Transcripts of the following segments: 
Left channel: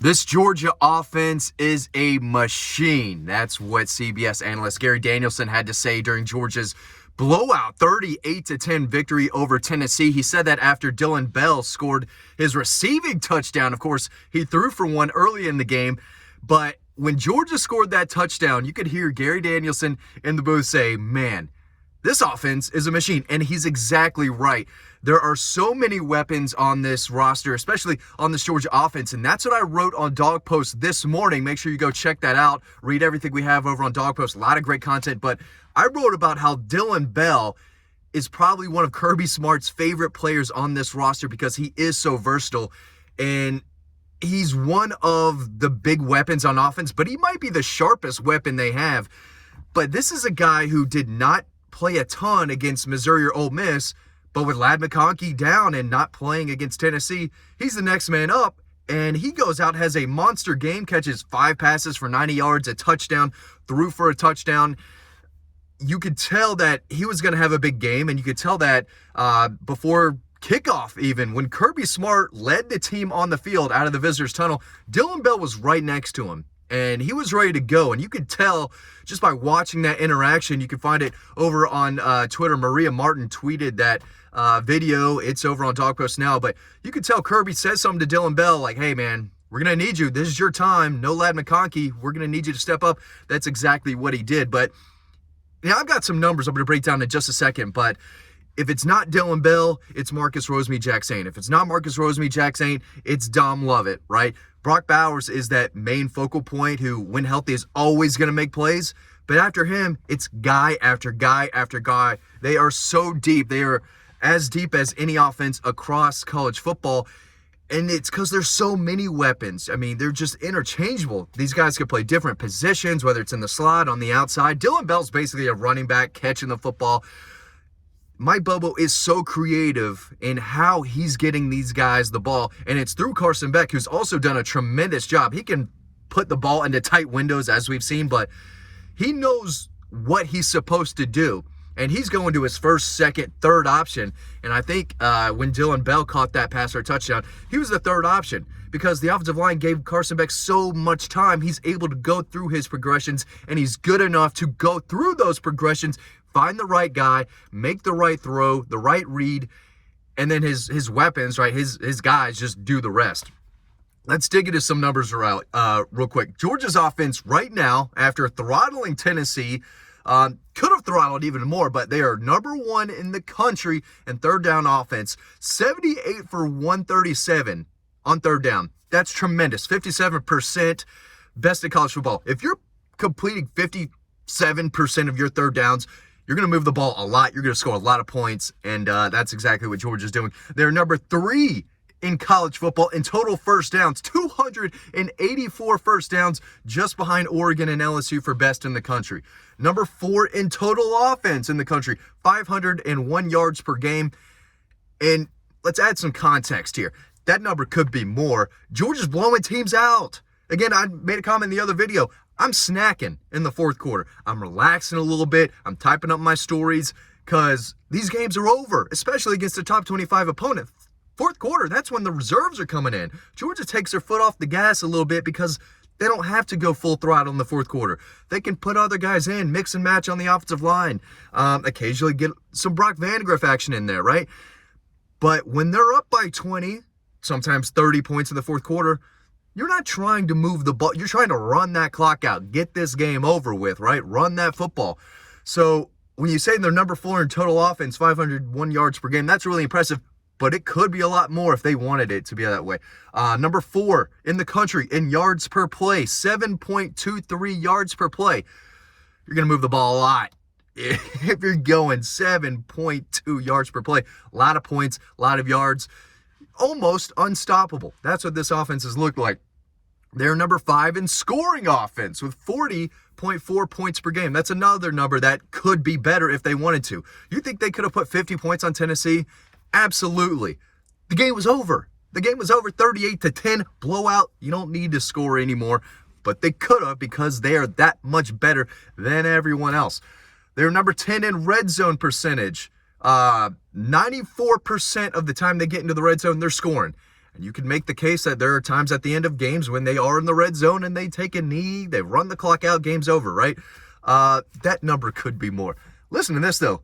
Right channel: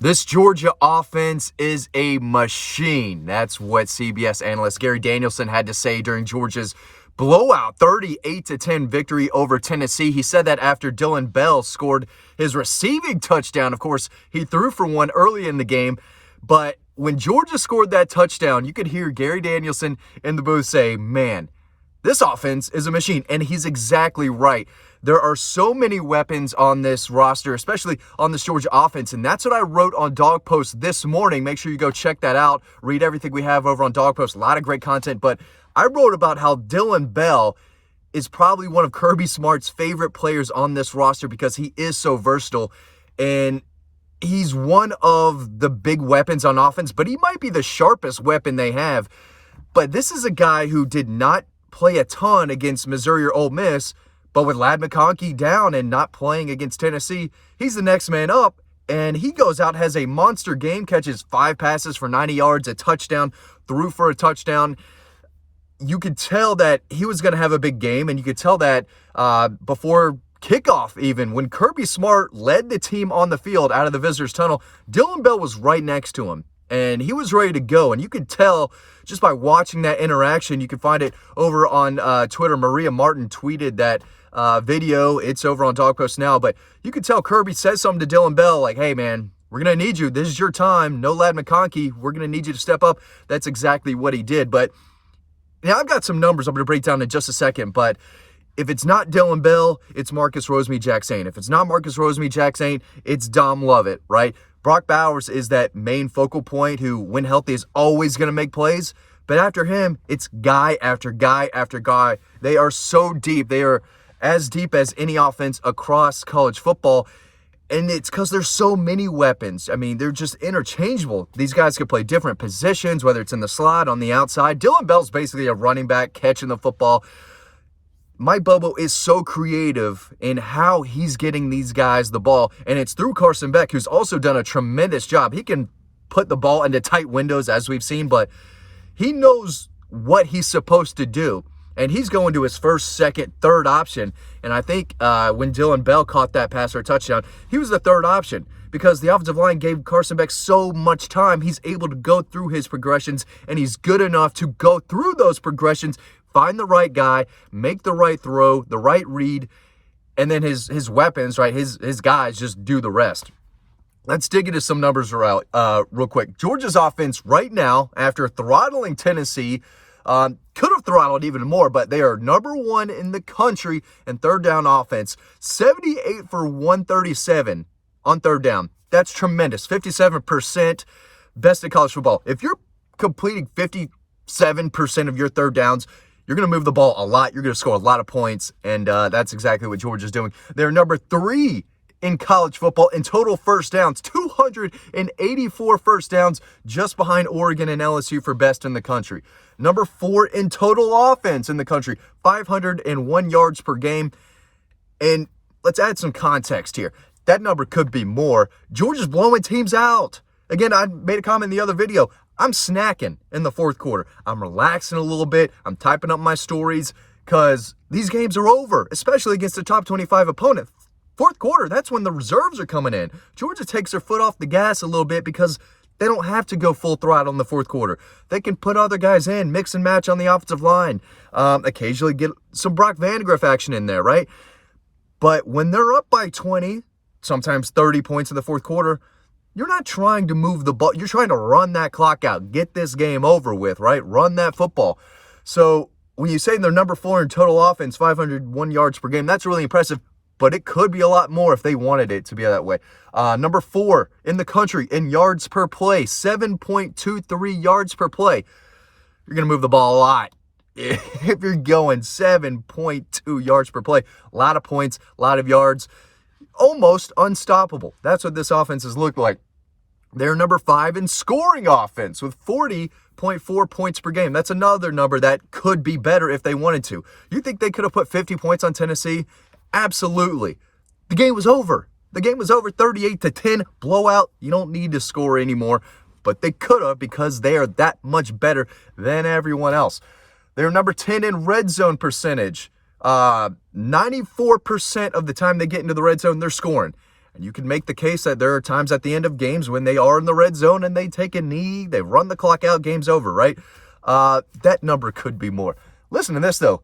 This Georgia offense is a machine. That's what CBS analyst Gary Danielson had to say during Georgia's blowout 38-10 victory over Tennessee. He said that after Dillon Bell scored his receiving touchdown. Of course, he threw for one early in the game, but when Georgia scored that touchdown, you could hear Gary Danielson in the booth say, man, this offense is a machine. And he's exactly right. There are so many weapons on this roster, especially on this Georgia offense, and that's what I wrote on Dawg Post this morning. Make sure you go check that out. Read everything we have over on Dawg Post. A lot of great content, but I wrote about how Dillon Bell is probably one of Kirby Smart's favorite players on this roster because he is so versatile, and he's one of the big weapons on offense, but he might be the sharpest weapon they have. But this is a guy who did not play a ton against Missouri or Ole Miss, but with Ladd McConkey down and not playing against Tennessee, he's the next man up, and he goes out, has a monster game, catches 5 passes for 90 yards, a touchdown, threw for a touchdown. You could tell that he was going to have a big game, and you could tell that before kickoff even. When Kirby Smart led the team on the field out of the visitors' tunnel, Dillon Bell was right next to him, and he was ready to go, and you could tell just by watching that interaction. You can find it over on Twitter. Maria Martin tweeted that video. It's over on Dawg Post now, but you could tell Kirby says something to Dillon Bell like, hey man, we're going to need you. This is your time. No Ladd McConkey. We're going to need you to step up. That's exactly what he did. But now I've got some numbers I'm going to break down in just a second, but if it's not Dillon Bell, it's Marcus Rosemy-Jacksaint. If it's not Marcus Rosemy-Jacksaint, it's Dom Lovett, right? Brock Bowers is that main focal point who, when healthy, is always going to make plays. But after him, it's guy after guy after guy. They are so deep. They are as deep as any offense across college football. And it's because there's so many weapons. I mean, they're just interchangeable. These guys could play different positions, whether it's in the slot, on the outside. Dillon Bell's basically a running back catching the football. Mike Bobo is so creative in how he's getting these guys the ball, and it's through Carson Beck, who's also done a tremendous job. He can put the ball into tight windows, as we've seen, but he knows what he's supposed to do, and he's going to his first, second, third option, and I think when Dillon Bell caught that pass or touchdown, he was the third option because the offensive line gave Carson Beck so much time. He's able to go through his progressions, and he's good enough to go through those progressions, find the right guy, make the right throw, the right read, and then his weapons, right, his guys just do the rest. Let's dig into some numbers real quick. Georgia's offense right now, after throttling Tennessee, could have throttled even more, but they are number 1 in the country in third down offense. 78 for 137 on third down. That's tremendous. 57%, best in college football. If you're completing 57% of your third downs, you're going to move the ball a lot. You're going to score a lot of points, and that's exactly what Georgia's doing. They're number 3 in college football in total first downs, 284 first downs, just behind Oregon and LSU for best in the country. Number 4 in total offense in the country, 501 yards per game. And let's add some context here. That number could be more. Georgia's blowing teams out. Again, I made a comment in the other video. I'm snacking in the fourth quarter. I'm relaxing a little bit. I'm typing up my stories because these games are over, especially against a top 25 opponent. Fourth quarter, that's when the reserves are coming in. Georgia takes their foot off the gas a little bit because they don't have to go full throttle in the fourth quarter. They can put other guys in, mix and match on the offensive line, occasionally get some Brock Vandagriff action in there, right? But when they're up by 20, sometimes 30 points in the fourth quarter, you're not trying to move the ball. You're trying to run that clock out, get this game over with, right? Run that football. So when you say they're number 4 in total offense, 501 yards per game, that's really impressive, but it could be a lot more if they wanted it to be that way. Number 4 in the country in yards per play, 7.23 yards per play. You're going to move the ball a lot. If you're going 7.2 yards per play, a lot of points, a lot of yards, almost unstoppable. That's what this offense has looked like. They're number 5 in scoring offense with 40.4 points per game. That's another number that could be better if they wanted to. You think they could have put 50 points on Tennessee? Absolutely. The game was over. The game was over, 38-10, blowout. You don't need to score anymore, but they could have because they are that much better than everyone else. They're number 10 in red zone percentage. 94% of the time they get into the red zone, they're scoring. And you can make the case that there are times at the end of games when they are in the red zone and they take a knee, they run the clock out, game's over, right? That number could be more. Listen to this, though.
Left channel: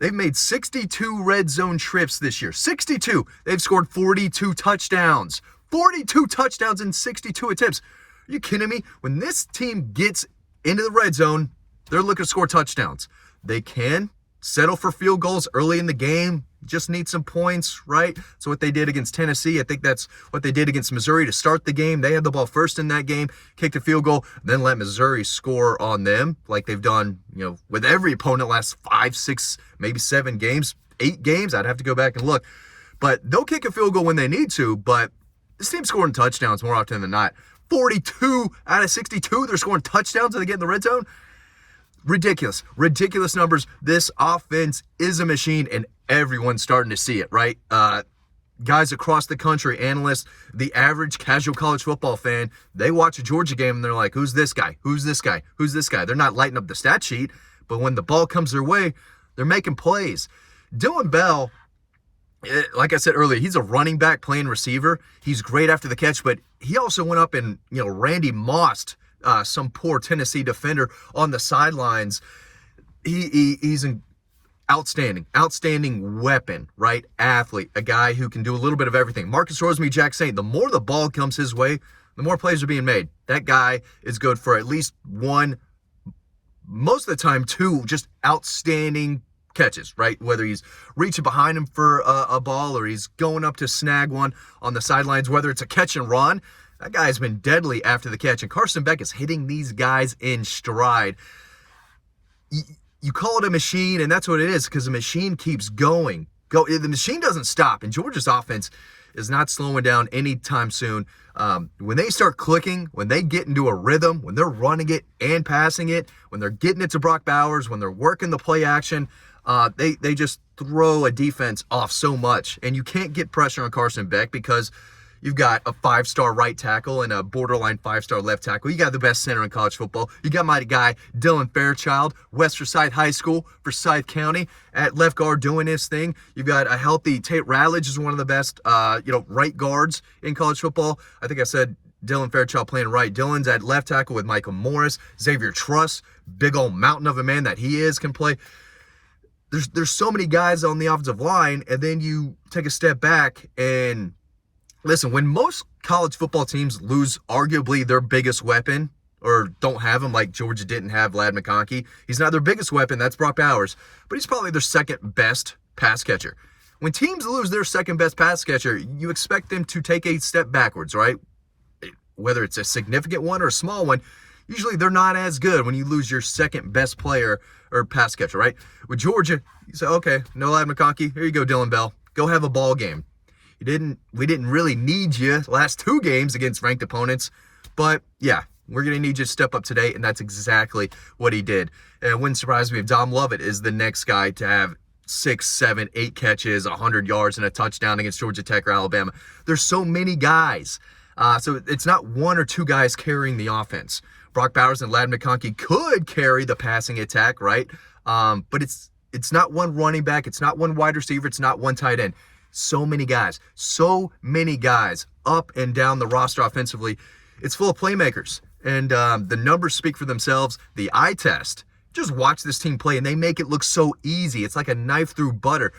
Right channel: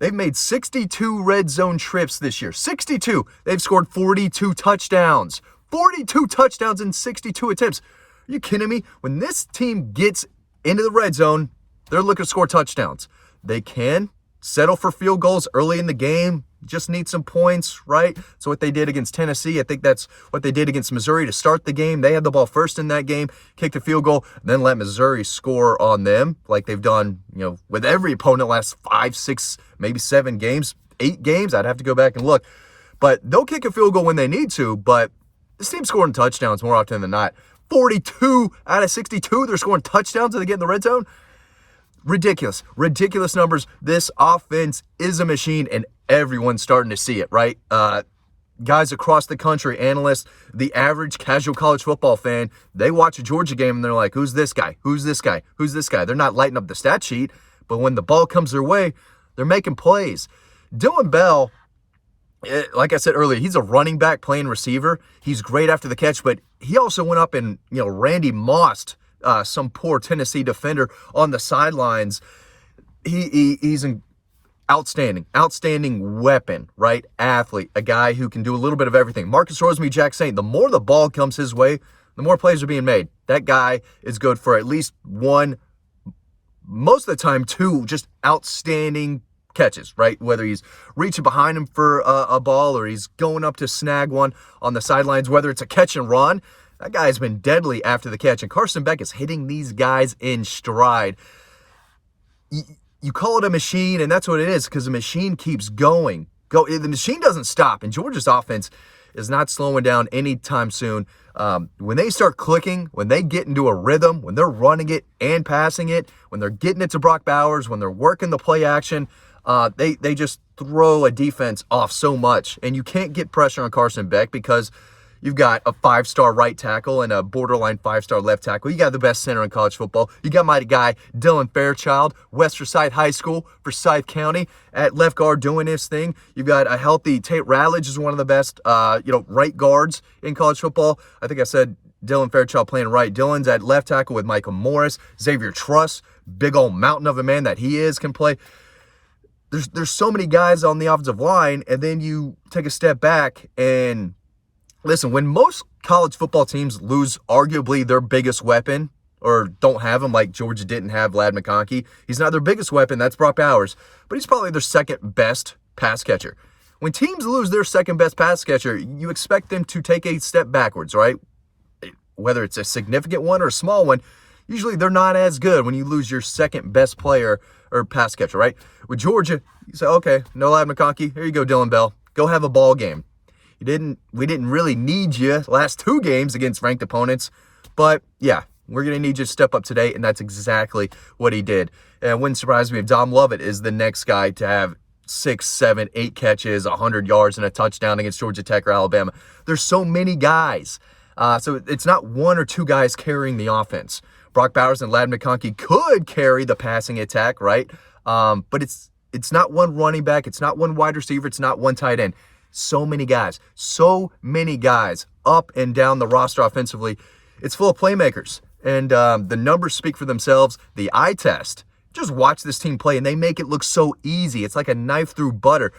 They've made 62 red zone trips this year. 62. They've scored 42 touchdowns. 42 touchdowns in 62 attempts. Are you kidding me? When this team gets into the red zone, they're looking to score touchdowns. They can settle for field goals early in the game. Just need some points, right? So what they did against Tennessee, I think that's what they did against Missouri to start the game. They had the ball first in that game, kicked a field goal, then let Missouri score on them like they've done, with every opponent last 5, 6, maybe 7 games, 8 games. I'd have to go back and look. But they'll kick a field goal when they need to, but this team's scoring touchdowns more often than not. 42 out of 62, they're scoring touchdowns and they get in the red zone. Ridiculous numbers. This offense is a machine, and everyone's starting to see it, right? Guys across the country, analysts, the average casual college football fan, they watch a Georgia game and they're like, who's this guy? Who's this guy? Who's this guy? They're not lighting up the stat sheet, but when the ball comes their way, they're making plays. Dylan Bell, like I said earlier, he's a running back playing receiver. He's great after the catch, but he also went up and, Randy Mossed some poor Tennessee defender on the sidelines. He's an outstanding weapon, right? Athlete, a guy who can do a little bit of everything. Marcus Rosemary, Jack Saint, the more the ball comes his way, the more plays are being made. That guy is good for at least one, most of the time 2, just outstanding catches, right? Whether he's reaching behind him for a ball or he's going up to snag one on the sidelines, whether it's a catch and run, that guy's been deadly after the catch. And Carson Beck is hitting these guys in stride. You call it a machine, and that's what it is, because the machine keeps going. The machine doesn't stop, and Georgia's offense is not slowing down anytime soon. When they start clicking, when they get into a rhythm, when they're running it and passing it, when they're getting it to Brock Bowers, when they're working the play action, they just throw a defense off so much. And you can't get pressure on Carson Beck because you've got a 5-star right tackle and a borderline 5-star left tackle. You got the best center in college football. You got my guy, Dylan Fairchild, West Forsyth High School, Forsyth County, at left guard doing his thing. You've got a healthy Tate Ratledge, is one of the best, right guards in college football. I think I said Dylan Fairchild playing right. Dylan's at left tackle with Michael Morris. Xavier Truss, big old mountain of a man that he is, can play. There's so many guys on the offensive line, and then you take a step back and listen, when most college football teams lose arguably their biggest weapon or don't have him, like Georgia didn't have Ladd McConkey, he's not their biggest weapon, that's Brock Bowers, but he's probably their second best pass catcher. When teams lose their second best pass catcher, you expect them to take a step backwards, right? Whether it's a significant one or a small one, usually they're not as good when you lose your second best player or pass catcher, right? With Georgia, you say, okay, no Ladd McConkey, here you go, Dylan Bell, go have a ball game. We didn't really need you last 2 games against ranked opponents, but yeah, we're going to need you to step up today, and that's exactly what he did. And it wouldn't surprise me if Dom Lovett is the next guy to have 6, 7, 8 catches, 100 yards, and a touchdown against Georgia Tech or Alabama. There's so many guys. So it's not 1 or 2 guys carrying the offense. Brock Bowers and Ladd McConkey could carry the passing attack, right? But it's not 1 running back. It's not 1 wide receiver. It's not 1 tight end. So many guys up and down the roster offensively. It's full of playmakers, and the numbers speak for themselves. The eye test, just watch this team play, and they make it look so easy. It's like a knife through butter.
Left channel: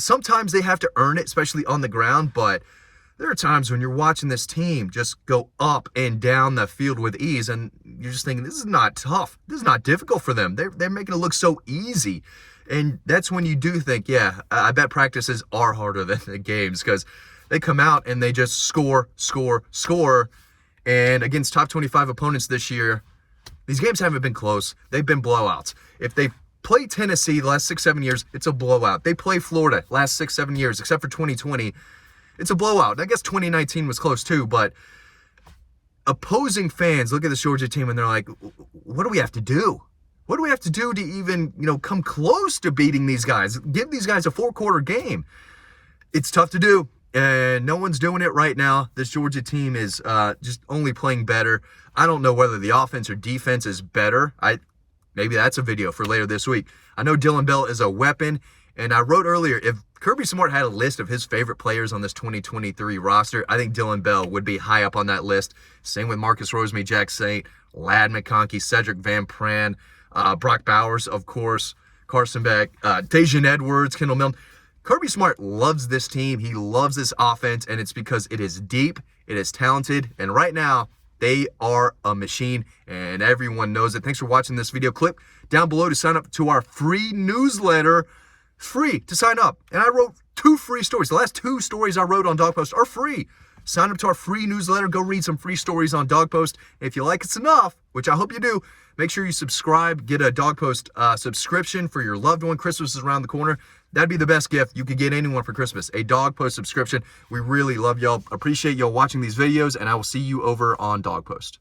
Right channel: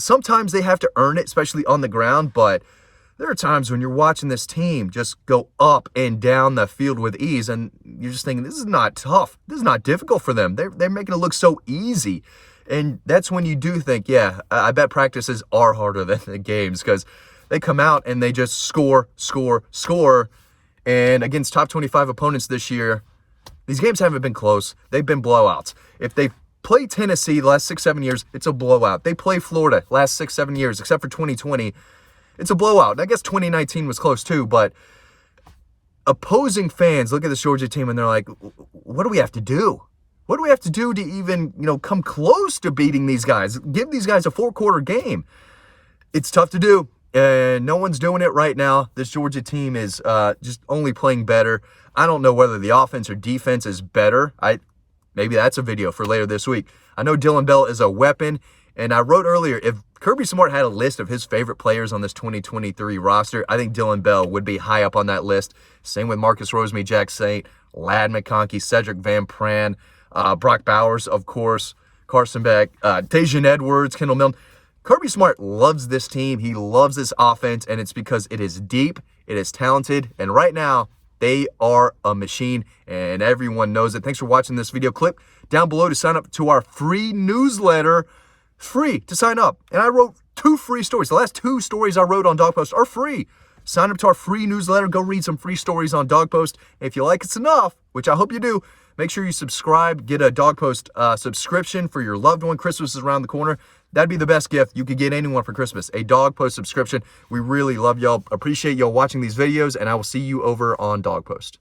Sometimes they have to earn it, especially on the ground, but there are times when you're watching this team just go up and down the field with ease, and you're just thinking, this is not tough. This is not difficult for them. They're making it look so easy. And that's when you do think, yeah, I bet practices are harder than the games, because they come out and they just score. And against top 25 opponents this year, these games haven't been close. They've been blowouts. If they play Tennessee the last 6, 7 years, it's a blowout. They play Florida last 6, 7 years, except for 2020. It's a blowout. And I guess 2019 was close too, but opposing fans look at this Georgia team and they're like, what do we have to do? What do we have to do to even, come close to beating these guys? Give these guys a 4-quarter game. It's tough to do, and no one's doing it right now. This Georgia team is just only playing better. I don't know whether the offense or defense is better. Maybe that's a video for later this week. I know Dylan Bell is a weapon, and I wrote earlier, if Kirby Smart had a list of his favorite players on this 2023 roster. I think Dylan Bell would be high up on that list. Same with Marcus Rosemary, Jack Saint, Ladd McConkey, Cedric Van Pran, Brock Bowers, of course, Carson Beck, Dejan Edwards, Kendall Milne. Kirby Smart loves this team. He loves this offense, and it's because it is deep, it is talented, and right now, they are a machine, and everyone knows it. Thanks for watching this video. Click down below to sign up to our free newsletter. Free to sign up. And I wrote 2 free stories. The last 2 stories I wrote on Dawg Post are free. Sign up to our free newsletter. Go read some free stories on Dawg Post. And if you like us enough, which I hope you do, make sure you subscribe. Get a Dawg Post subscription for your loved one. Christmas is around the corner. That'd be the best gift you could get anyone for Christmas, a Dawg Post subscription. We really love y'all. Appreciate y'all watching these videos, and I will see you over on Dawg Post.